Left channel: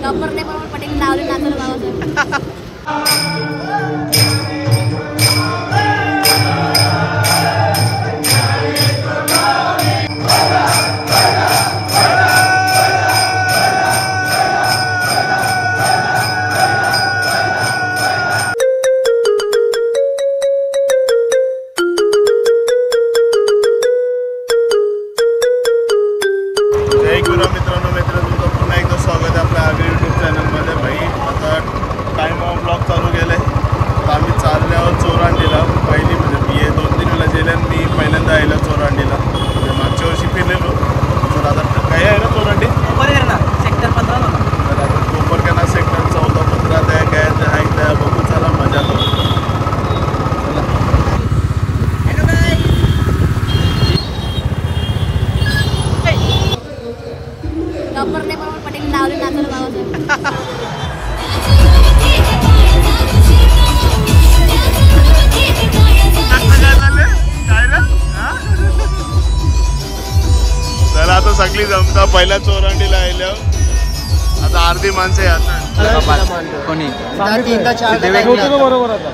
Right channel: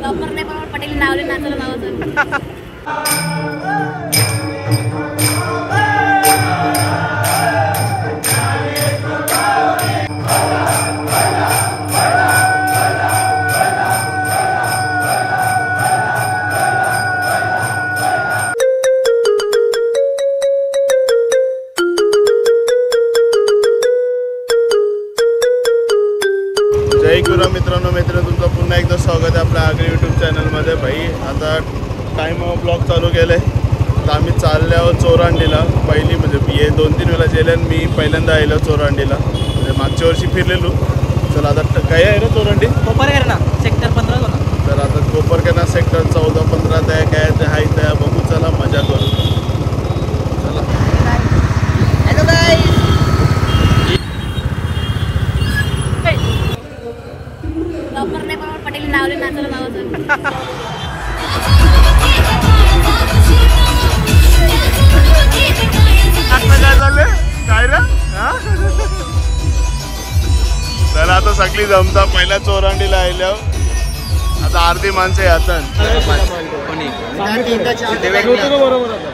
Proper नाही पण पटेल लावले नाचलं नावाचं. जय गुरु मित्रांनो तुमचं पुन्हा एकदा स्वागत आहे आपल्या आगरी यूट्यूब चॅनलमध्ये. भाई आता टाइम ब्लॉग चालू केलं आहे तर आम्ही चालले आहोत चोरांडीला. पहिली म्हणजे हे 2-3 वेळा गेले आणि मी पहिल्यांदा आलो चोरांडीला. म्हणजे मागच्या वर्षी फिरलेलो. तर आता काय आहे ना चोरांडी कोपरखेरणा सेक्टर 15 होता. तर आता कोपरखेरणा सेक्टर 14-15 त्या काय त्या आहेत त्या बघू. चला मजा करू. चला प्रॉपर नाही पण पटेल लावले नाचलं नावाचं. चला आता सगळी जमता पहिल्या चोरांडीला आल्या. आता अर्धी माणसं यातात. बरोबर आता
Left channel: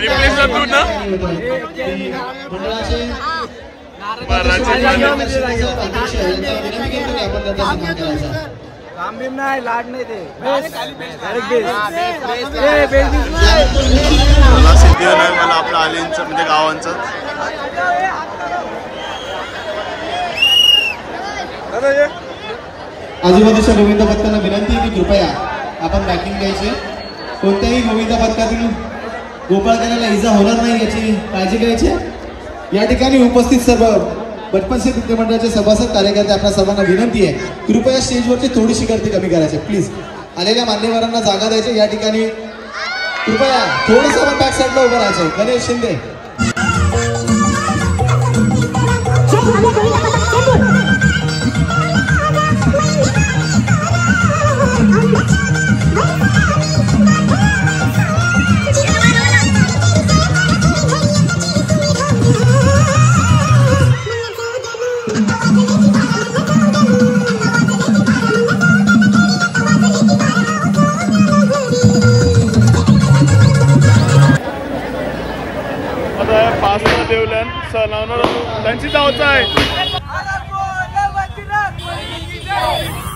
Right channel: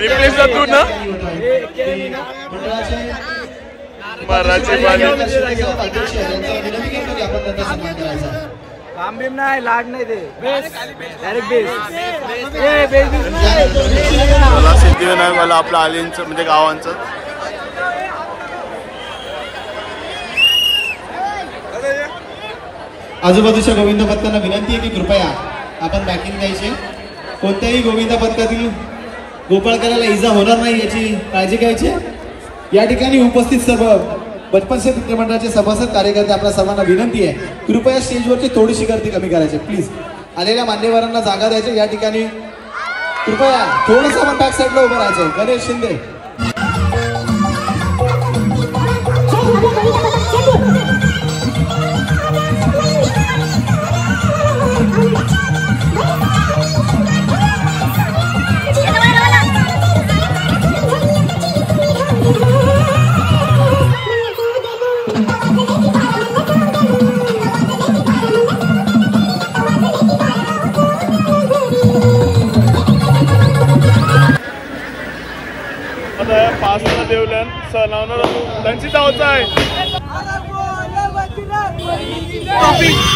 रिप्लेस तू ना मराठी नाही लाड नाही ते मला सिद्धिविनायक मला आपलं आलींचं म्हणजे गावांचं. आजूबाजूच्या गोविंद पथकांना विनंती आहे की कृपया आपण बॅकिंग द्यायचे. कोणत्याही गोविंद पथकातील गोपाळकराला इजा होणार नाही याची काळजी घ्यायची. या ठिकाणी उपस्थित सर्व बचपन से नृत्य मंडळाचे सभासद कार्यकर्ते आपल्या सर्वांना विनंती आहे कृपया स्टेजवरची थोडीशी गर्दी कमी करायची. प्लीज आलेल्या मान्यवरांना जागा द्यायची. या ठिकाणी कृपया थोडंसं आपण बॅक साईडला उभं राहायचं. गणेश शिंदे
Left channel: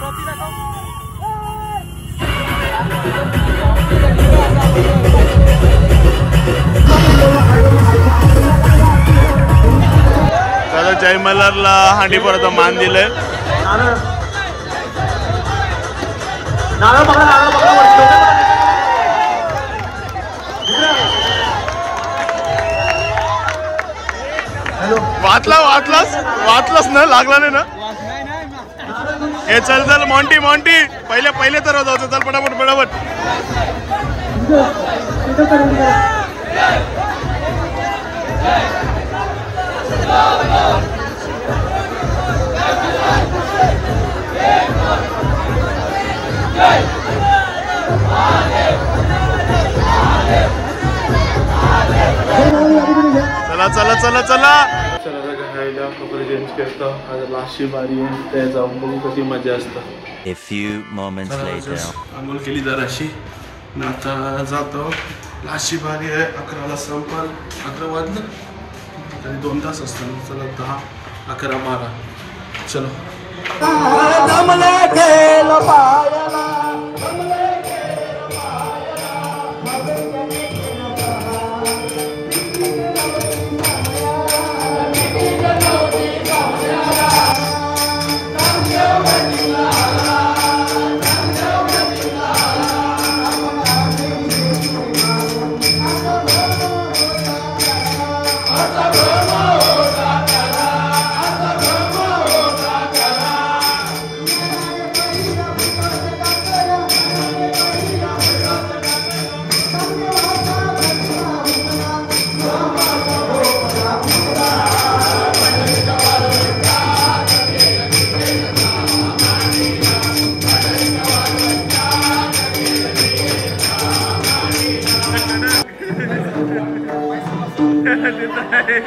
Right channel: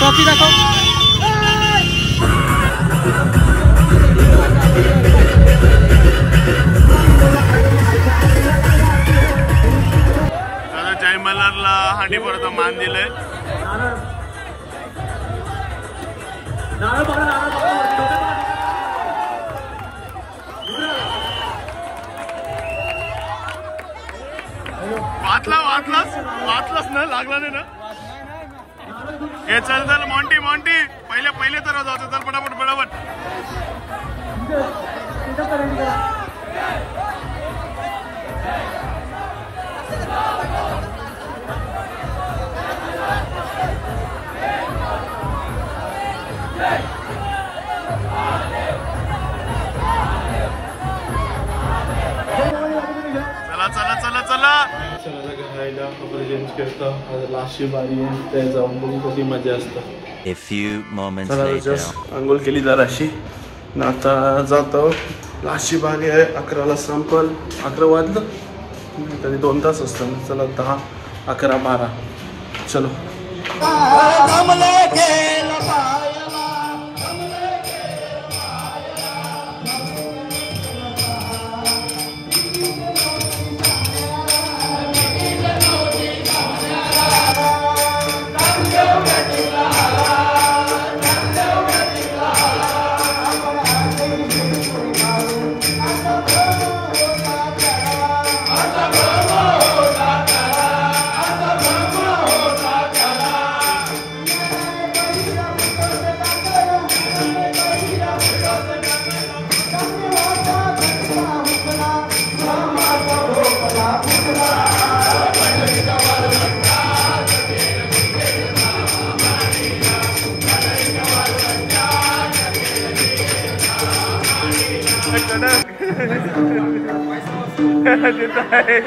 ट्रॉफी दाखव. दादा जय मल्हारला हांडी परत मान दिलंय. वाचलास ना लागला नाही ना. हे चल चल मॉन्टी पहिले तर जाऊ. चल पटापट चला A few moments later. अंघोळ केली जराशी ना आता जातो. लास्टची बाग आहे 11ला संपल. 11 वाजलं तरी 2 तास असतं. चला 10, 11, 12 चलो. तिथं आहे.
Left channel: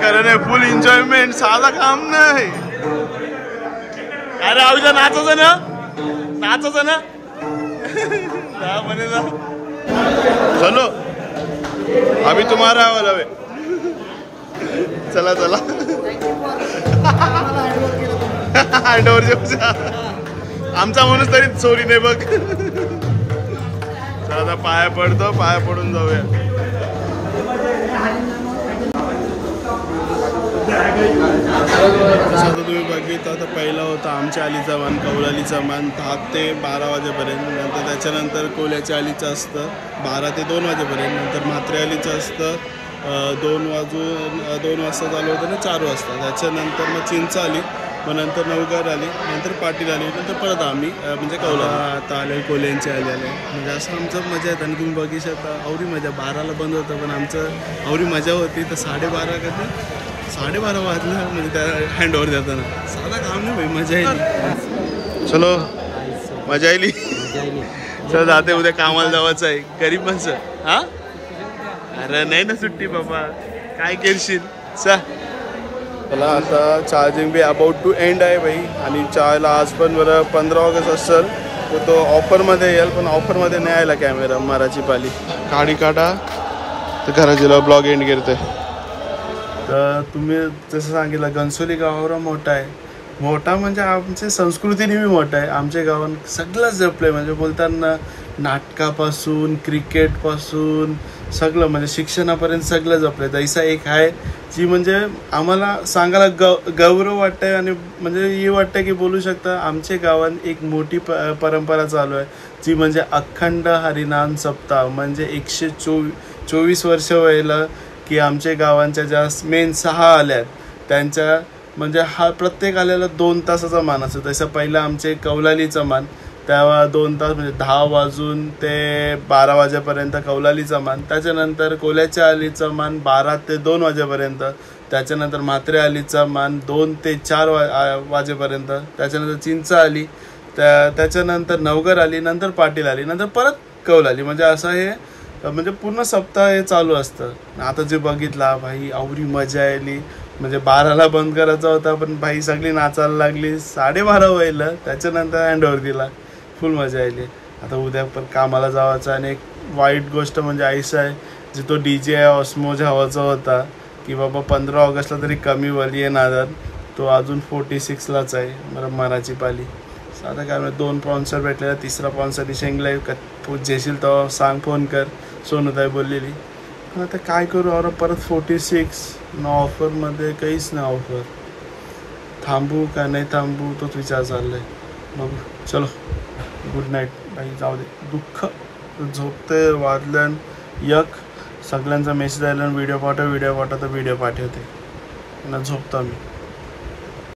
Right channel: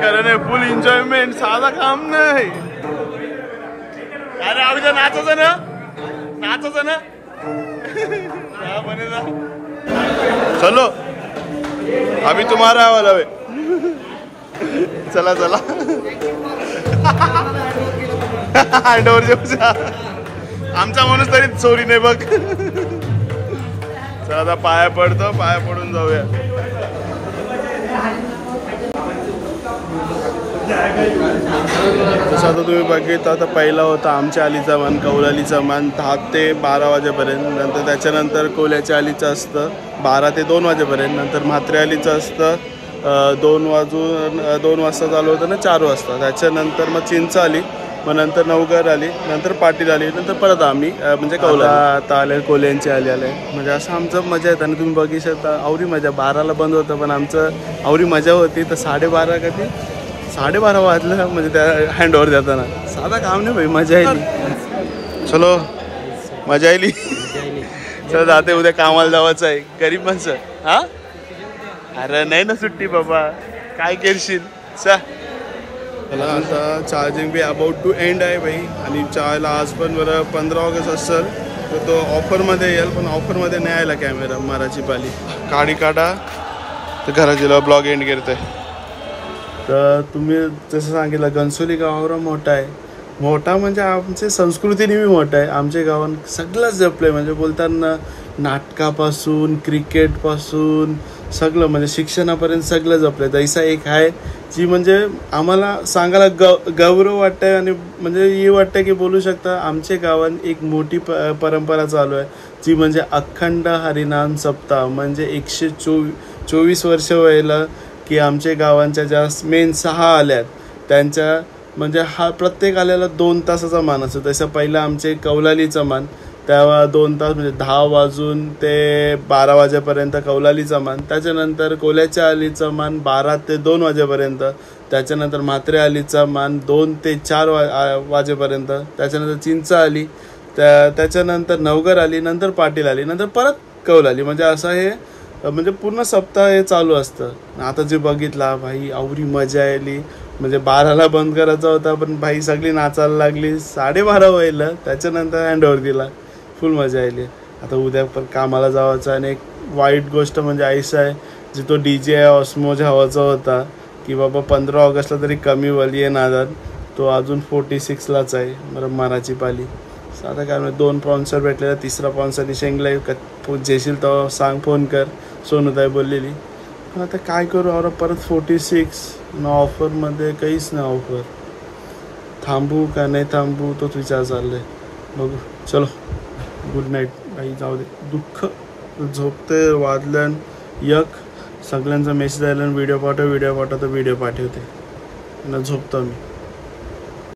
करणे फुल एन्जॉयमेंट, साधा काम नाही. अरे आऊजा नाचायचं ना, नाचायचं ना. म्हणे ना चलो अभी तुम्हारा वाला वे. चला चला हँडओव्हर देऊचा आमचा म्हणून तरी चोरी नाही बघ. चला आता पाया पडतो, पाया पडून जाऊया. जसं आता तुम्ही बघितलं आता पहिला होता आमच्या आलीचा मान, कौलालीचा मान 10 ते 12 वाजेपर्यंत. नंतर त्याच्यानंतर कोल्याच्या आलीचं असतं 12 ते 2 वाजेपर्यंत. नंतर म्हात्रे आलीचं असतं 2 वाजता चालू होतं ना 4 वाजता. त्याच्यानंतर मग चिंच आली, मग नंतर नवघर आली, नंतर पाटील आली, नंतर परत आम्ही म्हणजे कौला आता आले, कोल्यांची आले. म्हणजे असं आमचं मजा येतं. आणि तुम्ही बघू शकता आवरी मजा. 12ला बंद होतं पण आमचं आवरी मजा होती. तर 12:30 कधी 12:30 वाजलं म्हणजे त्या हँडओव्हर देताना. साधा काम नाही भाई, मजा आली. चलो मजा आली. चल जाते, उद्या कामाला जावायचं आहे. गरीब माणसं. हा अरे नाही ना सुट्टी बाबा, काय करशील. सा चला आता charging be about to end आहे भाई. आणि चायला आज पण बरं 15 ऑगस्ट असेल तर तो ऑफरमध्ये येईल, पण ऑफरमध्ये नाही आला कॅमेरा. माराची पाली काढी काढा तर घराजीला ब्लॉग एंड करते. तर तुम्ही जसं सांगितलं घनसोली गावावर मोठा आहे. मोठा म्हणजे आमची संस्कृतीने बी मोठा आहे. आमच्या गावात सगळंच जपलं म्हणजे बोलताना नाटकापासून क्रिकेटपासून सगळं म्हणजे शिक्षणापर्यंत सगळं जपलं. जैसा एक आहे जी म्हणजे आम्हाला सांगायला गौरव वाटतंय आणि म्हणजे हे वाटतं की बोलू शकता आमच्या गावात एक मोठी परंपरा चालू आहे जी म्हणजे अखंड हरिनाम सप्ताह. म्हणजे 124 वर्ष व्हायला की आमच्या गावांच्या ज्या मेन 6 आल्यात त्यांच्या म्हणजे हा प्रत्येक आल्याला 2 तासाचा मान असतो. तसं पहिलं आमचे कौलालीचा मान तेव्हा 2 तास म्हणजे 10 वाजून ते 12 वाजेपर्यंत कौलालीचा मान. त्याच्यानंतर कोल्याच्या आलीचा मान 12 ते 2 वाजेपर्यंत. त्याच्यानंतर म्हात्रे आलीचा मान 2 ते 4 वाजेपर्यंत. त्याच्यानंतर चिंच आली, त्याच्यानंतर नवगर आली, नंतर पाटील आली, नंतर परत कौल आली. म्हणजे असं हे म्हणजे पूर्ण सप्ताह हे चालू असतं. आता जे बघितला भाई आवरी मजा आली. म्हणजे 12ला बंद करायचा होता पण भाई सगळी नाचायला लागली. 12:30 व्हायला त्याच्यानंतर हँडओव्हर दिला. फुल मजा आली. आता उद्या पण कामाला जावायचं. आणि एक वाईट गोष्ट म्हणजे ऐसा आहे जी तो DJ ऑस्मोज हवाचा होता की बाबा 15 ऑगस्टला तरी कमी वली आहे नादात, तो अजून 46लाच आहे. बरं माराची पाली. आता काय म्हणजे 2 स्पॉन्सर भेटलेला, 3रा स्पॉन्सर शेंगला जेशील तेव्हा सांग फोन कर, सोनूताई बोललेली. पण आता काय करू अरे परत 46 ना ऑफरमध्ये काहीच नाही ऑफर. थांबू का नाही थांबू तोच विचार चाललाय. बघू चलो गुड नाईट. काही जाऊ दे दुःख झोपते वाजल्यान एक सगळ्यांचा मेसेज आला व्हिडिओ पाठव तर व्हिडिओ पाठवते ना झोपतो मी.